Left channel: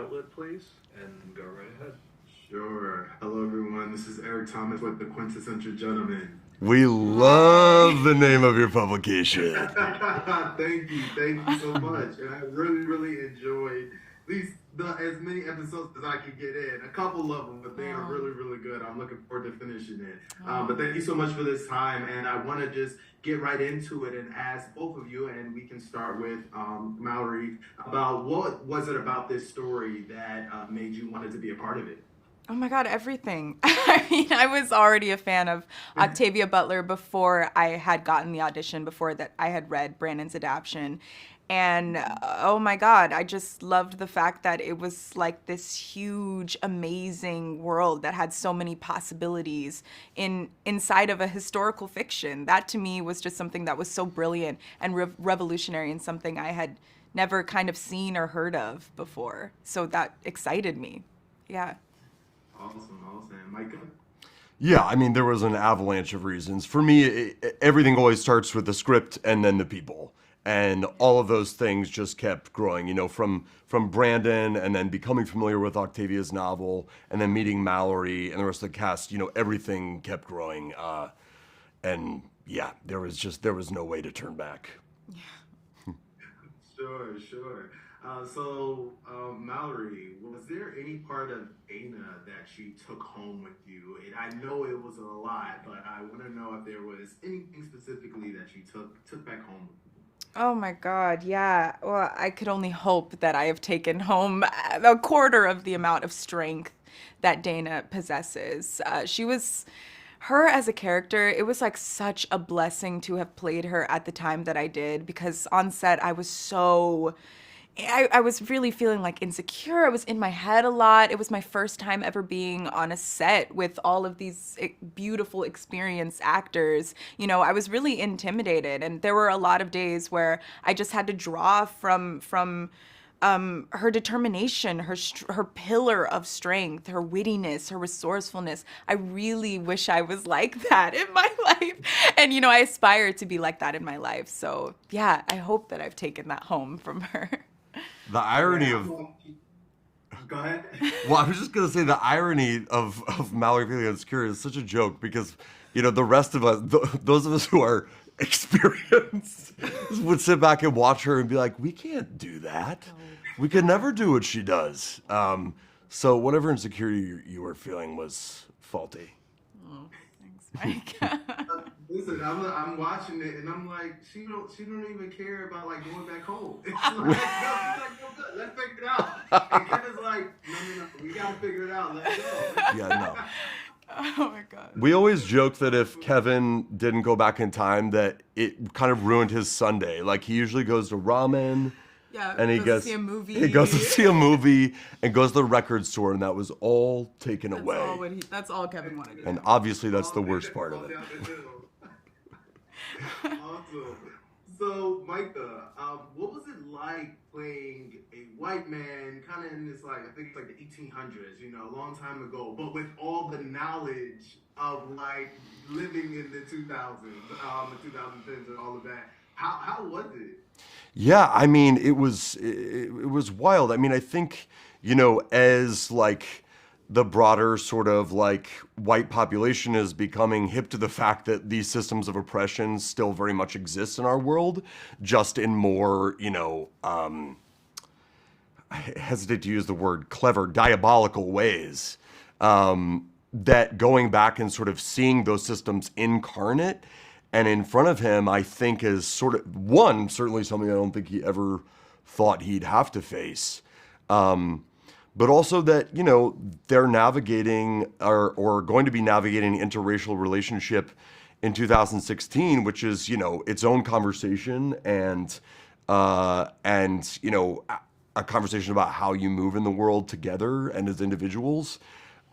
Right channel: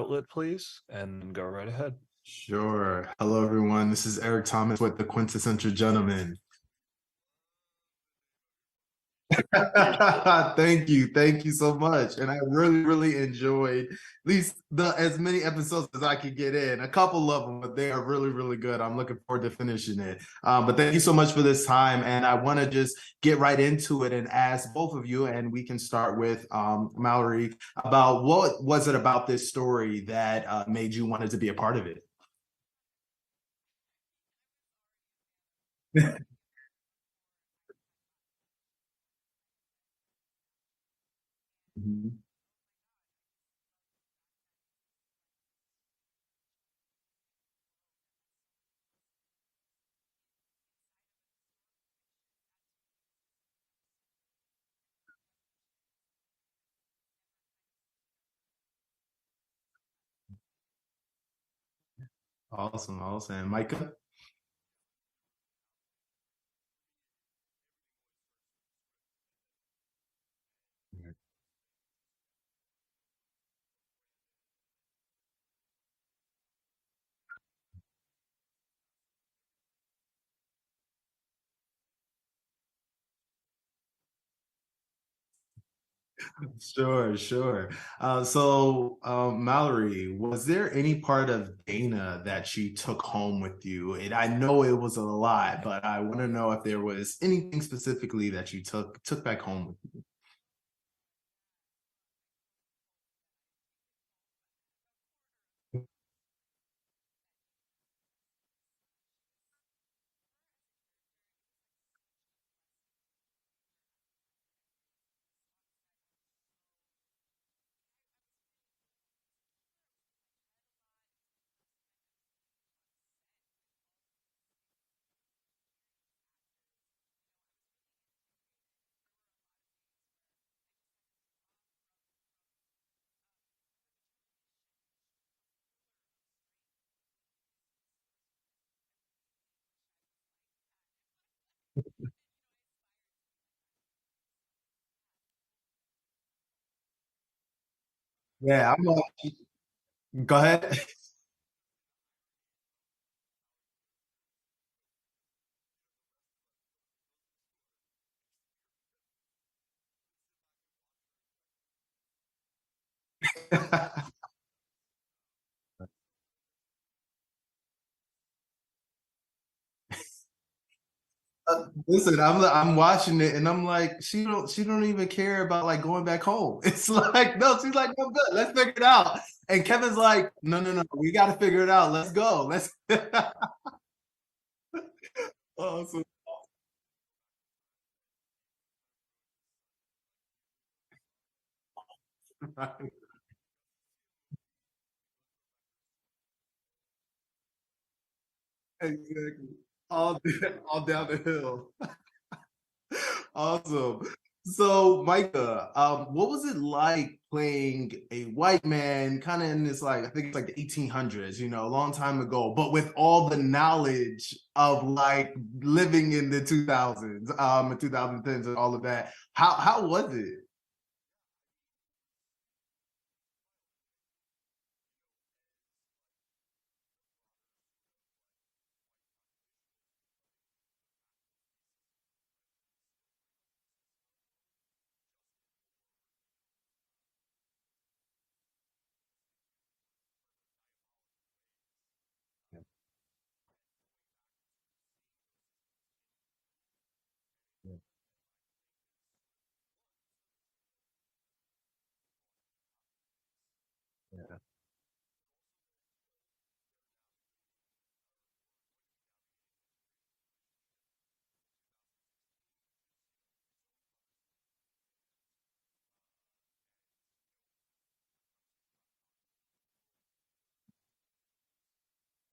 outlet, please, and go right ahead. Sure. Hello, everyone. This is Eric Thomas with the Quintessential Gentleman. We love the name of your publication. Thank you. Thank you so much. And I really, really enjoyed at least the as many episodes as I could get in. A couple of them, but they are really, really good. I'm looking forward to finishing it. But thank you so much for this time. And I want to just get right into it and ask both of you, and we can start with Mallory, about what was it about this story that made you wanted to be a part of it? Oh my God, everything. I mean, I was already a fan of Octavia Butler before I had gotten the audition, before that I had read Brandon's adaptation. And oh my God, I just loved the fact that it was like this huge, amazing world that had so many possibilities inside of a historical fiction. That to me was just something that was so brilliant and revolutionary, and something I had never kind of seen or heard of before. So that excited me. Yeah. Awesome, awesome. Micah? Yeah, I mean, there was an avalanche of reasons. For me, everything always starts with the script and then the people. And all of those things just kept growing, from Brandon, and then becoming familiar with Octavia's novel, and then meeting Mallory and the rest of the cast. Everything kept growing. And yeah, there was no way to turn back. Sure, sure. Mallory, was there any part of Dana that she took home with you? And I know it was a lot, but I want to know if there was anything specifically that you took back home with you. Oh my God, yeah. Well, I could only hope that I have taken home a quarter of the amount of strength that Dana possesses. Her as a character, it was like such a blessing to have played her at the time that I did, because on set I was really feeling like insecure. I was in my head a lot. It was my first time ever being on a set with all of these beautiful, experienced actors. I was really intimidated, and there were a lot of days where I just had to draw from her determination, her pillar of strength, her wittiness, her resourcefulness. I really wish I was like that in my life. And, I aspire to be like that in my life. So, yeah, I hope that I've taken that home from her. The irony Yeah, of go ahead. Well, I was just gonna say the irony of Mallory feeling insecure is such a joke because the rest of us, those of us who are experienced, would sit back and watch her and be like, we can't do that. We could never do what she does. So whatever insecurity you were feeling was faulty. Oh, thanks, Mike. Listen, I'm watching it and I'm like, she don't even care about like going back home. It's like, no, she's like, no, good, let's figure it out. And Kevin's like, no, we got to figure it out. Let's go. Yeah, no. Oh my God. We always joke that if Kevin didn't go back in time, that it kind of ruined his Sunday. Like he usually goes to ramen. Yeah, And he goes to see a movie. He goes to see a movie and goes to the record store, and that was all taken away. That's all Kevin wanted. And obviously, that's the worst part All of it. down the hill. Awesome. So, Micah, what was it like playing a white man, kind of in this, like, I think it's like the 1800s, a long time ago, but with all the knowledge of like living in the 2000s, the 2010s, and all of that? How was it? Yeah, I mean, it was wild. I mean, I think, as like the broader sort of like white population is becoming hip to the fact that these systems of oppression still very much exist in our world, just in more, I hesitate to use the word clever, diabolical ways. That going back and sort of seeing those systems incarnate and in front of him, I think is sort of certainly something I don't think he ever thought he'd have to face. But also that, they're navigating or going to be navigating an interracial relationship in 2016, which is, its own conversation and a conversation about how you move in the world together and as individuals.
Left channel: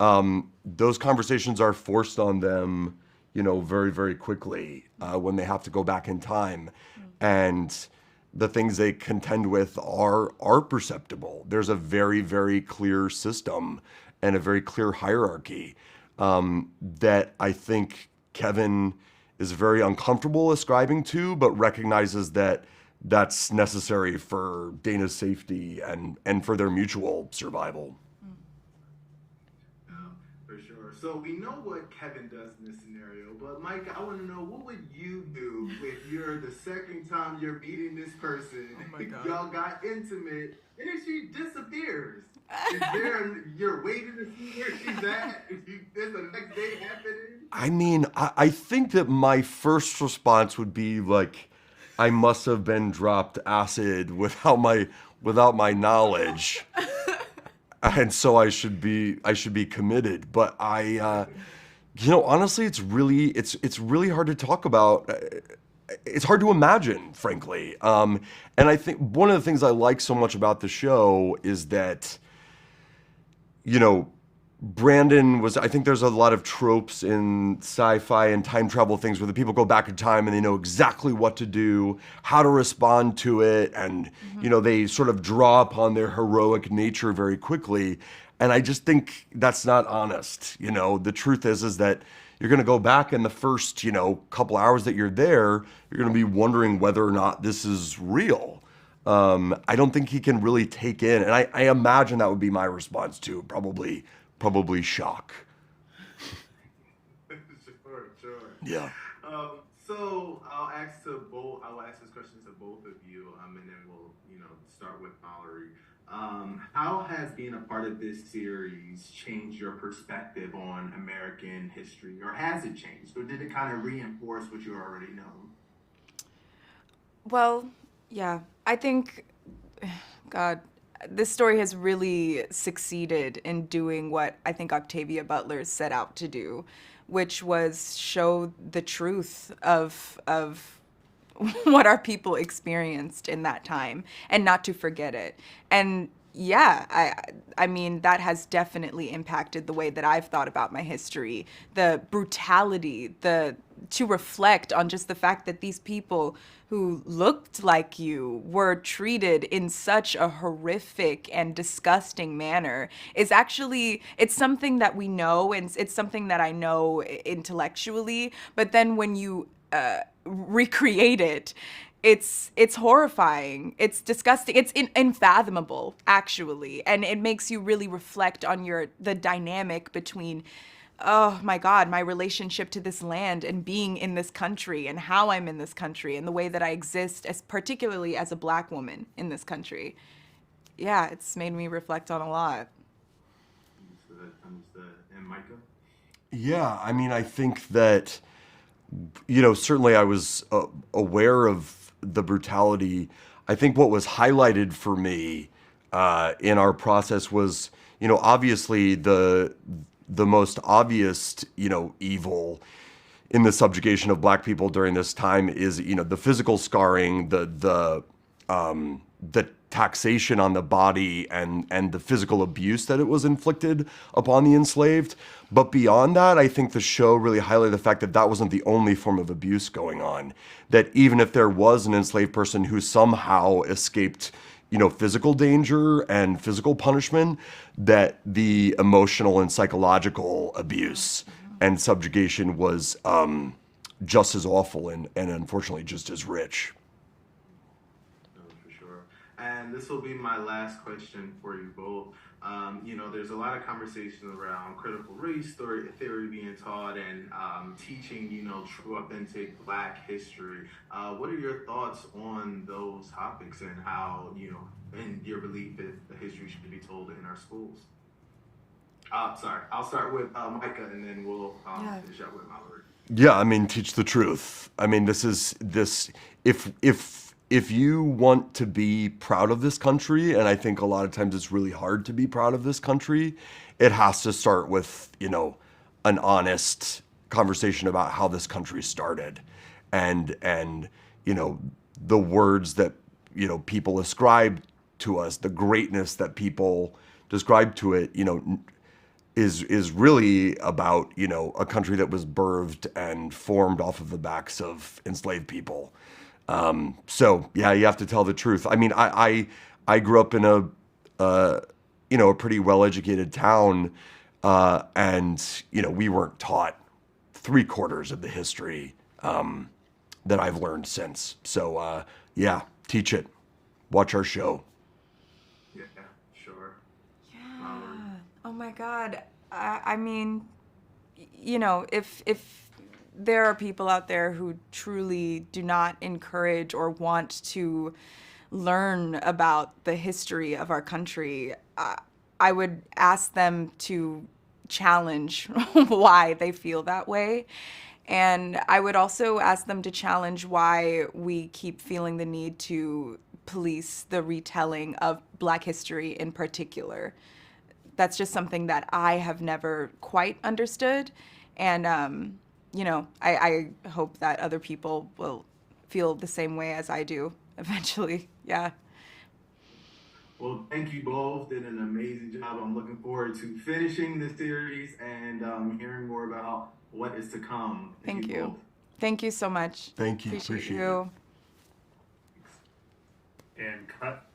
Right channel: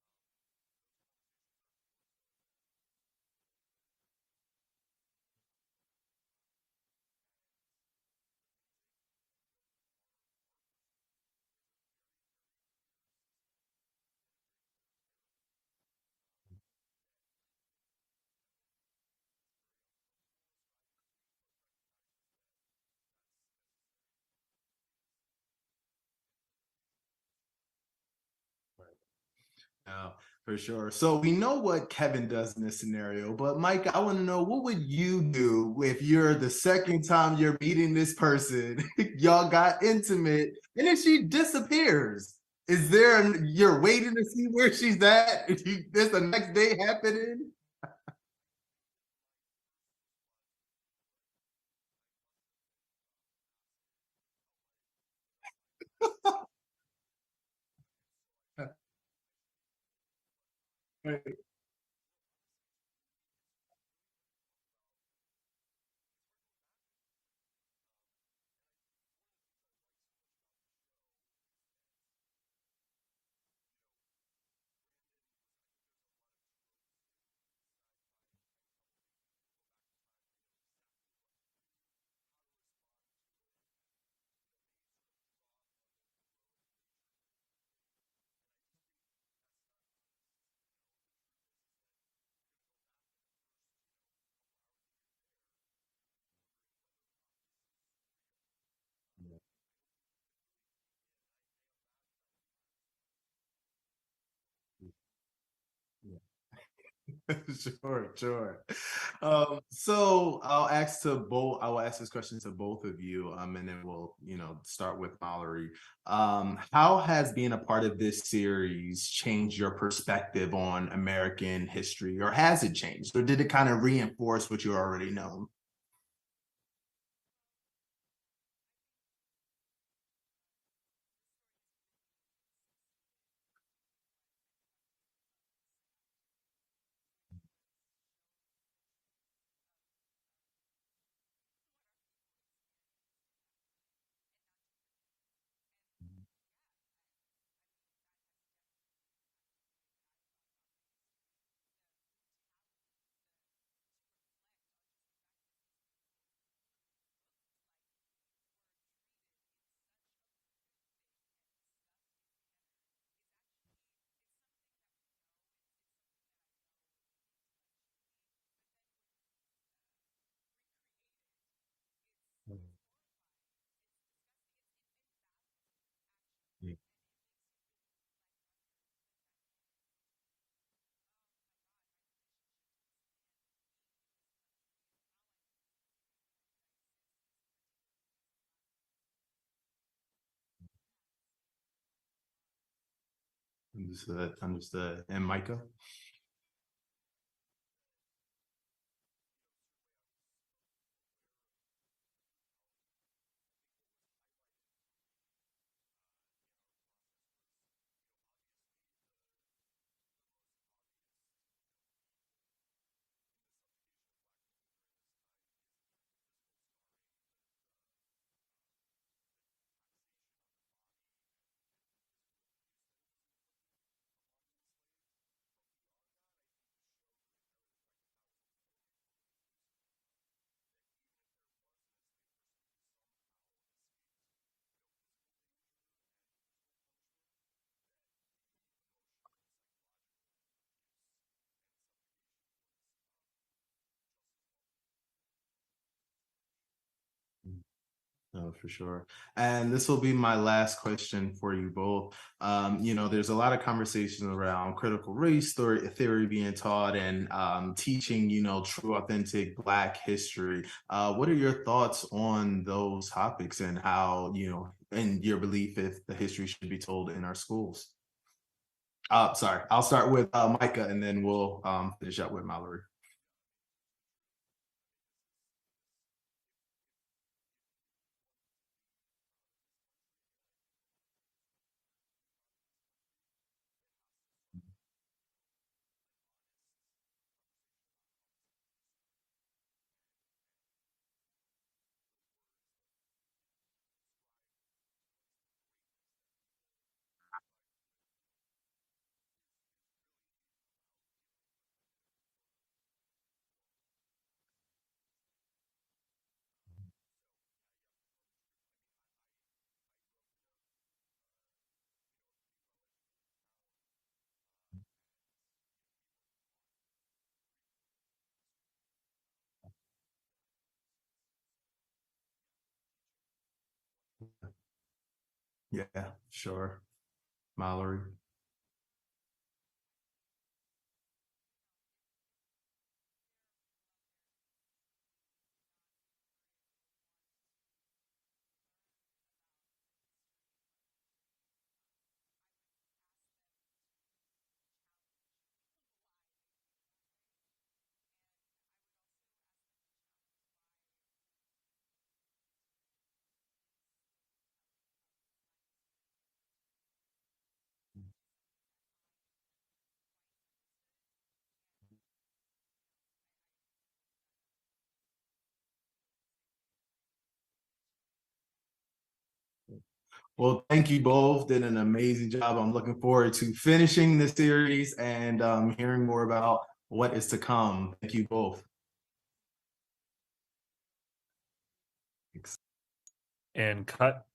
Those conversations are forced on them, very, very quickly when they have to go back in time. And the things they contend with are perceptible. There's a very, very clear system and a very clear hierarchy that I think Kevin is very uncomfortable ascribing to, but recognizes that that's necessary for Dana's safety and for their mutual survival. For sure. So we know what Kevin does in this scenario, but Mike, I want to know, what would you do if you're the second time you're meeting this person, y'all got intimate, and then she disappears? Is there, you're waiting to see where she's at? Is the next day happening? I mean, I think that my first response would be like, I must have been dropped acid without my knowledge. And so I should be committed. But honestly, it's really hard to talk about. It's hard to imagine, frankly. And I think one of the things I like so much about the show is that, I think there's a lot of tropes in sci-fi and time travel things where the people go back in time and they know exactly what to do, how to respond to it, and they sort of draw upon their heroic nature very quickly. And I just think that's not honest. The truth is that you're going to go back in the first, couple hours that you're there, you're going to be wondering whether or not this is real. I don't think he can really take in, and I imagine that would be my response too, probably shock. Sure. Yeah. So I will ask this question to both of you, and then we'll, start with Mallori. How has being a part of this series changed your perspective on American history, or has it changed, or did it kind of reinforce what you already know? Well, yeah, I think, God, this story has really succeeded in doing what I think Octavia Butler set out to do, which was show the truth of what our people experienced in that time and not to forget it. And yeah, I mean, that has definitely impacted the way that I've thought about my history, the brutality, to reflect on just the fact that these people who looked like you were treated in such a horrific and disgusting manner is actually, it's something that we know, and it's something that I know intellectually, but then when you recreate it, it's horrifying, it's disgusting, it's unfathomable actually, and it makes you really reflect on the dynamic between, oh my God, my relationship to this land and being in this country and how I'm in this country and the way that I exist, particularly as a Black woman in this country. Yeah, it's made me reflect on a lot. Understood. And Micah? Yeah, I mean, I think that, certainly I was aware of the brutality. I think what was highlighted for me in our process was, obviously the most obvious, evil in the subjugation of Black people during this time is, the physical scarring, the taxation on the body, and the physical abuse that it was inflicted upon the enslaved. But beyond that, I think the show really highlighted the fact that that wasn't the only form of abuse going on. That even if there was an enslaved person who somehow escaped, physical danger and physical punishment, that the emotional and psychological abuse and subjugation was just as awful and unfortunately just as rich. No, for sure. And this will be my last question for you both. There's a lot of conversation around critical race theory being taught and teaching, true, authentic Black history. What are your thoughts on those topics and how, in your belief, if the history should be told in our schools? Sorry, I'll start with Micah, and then we'll finish up with Mallori. Yeah, I mean, teach the truth. I mean, if you want to be proud of this country, and I think a lot of times it's really hard to be proud of this country, it has to start with, an honest conversation about how this country started, and the words that, people ascribe to us, the greatness that people describe to it, is really about, a country that was birthed and formed off of the backs of enslaved people. So yeah, you have to tell the truth. I mean, I grew up in a pretty well-educated town, and we weren't taught 3/4 of the history that I've learned since. So yeah, teach it. Watch our show. Yeah, sure. Yeah. Mallori. Oh my God. I mean, you know, if there are people out there who truly do not encourage or want to learn about the history of our country, I would ask them to challenge why they feel that way. And I would also ask them to challenge why we keep feeling the need to police the retelling of Black history in particular. That's just something that I have never quite understood. And, you know, I hope that other people will feel the same way as I do eventually. Yeah. Well, thank you both. Did an amazing job. I'm looking forward to finishing the series and hearing more about what is to come. Thank you Thank you. both. Thank you so much. Thank you. Appreciate Appreciate it. you. And cut.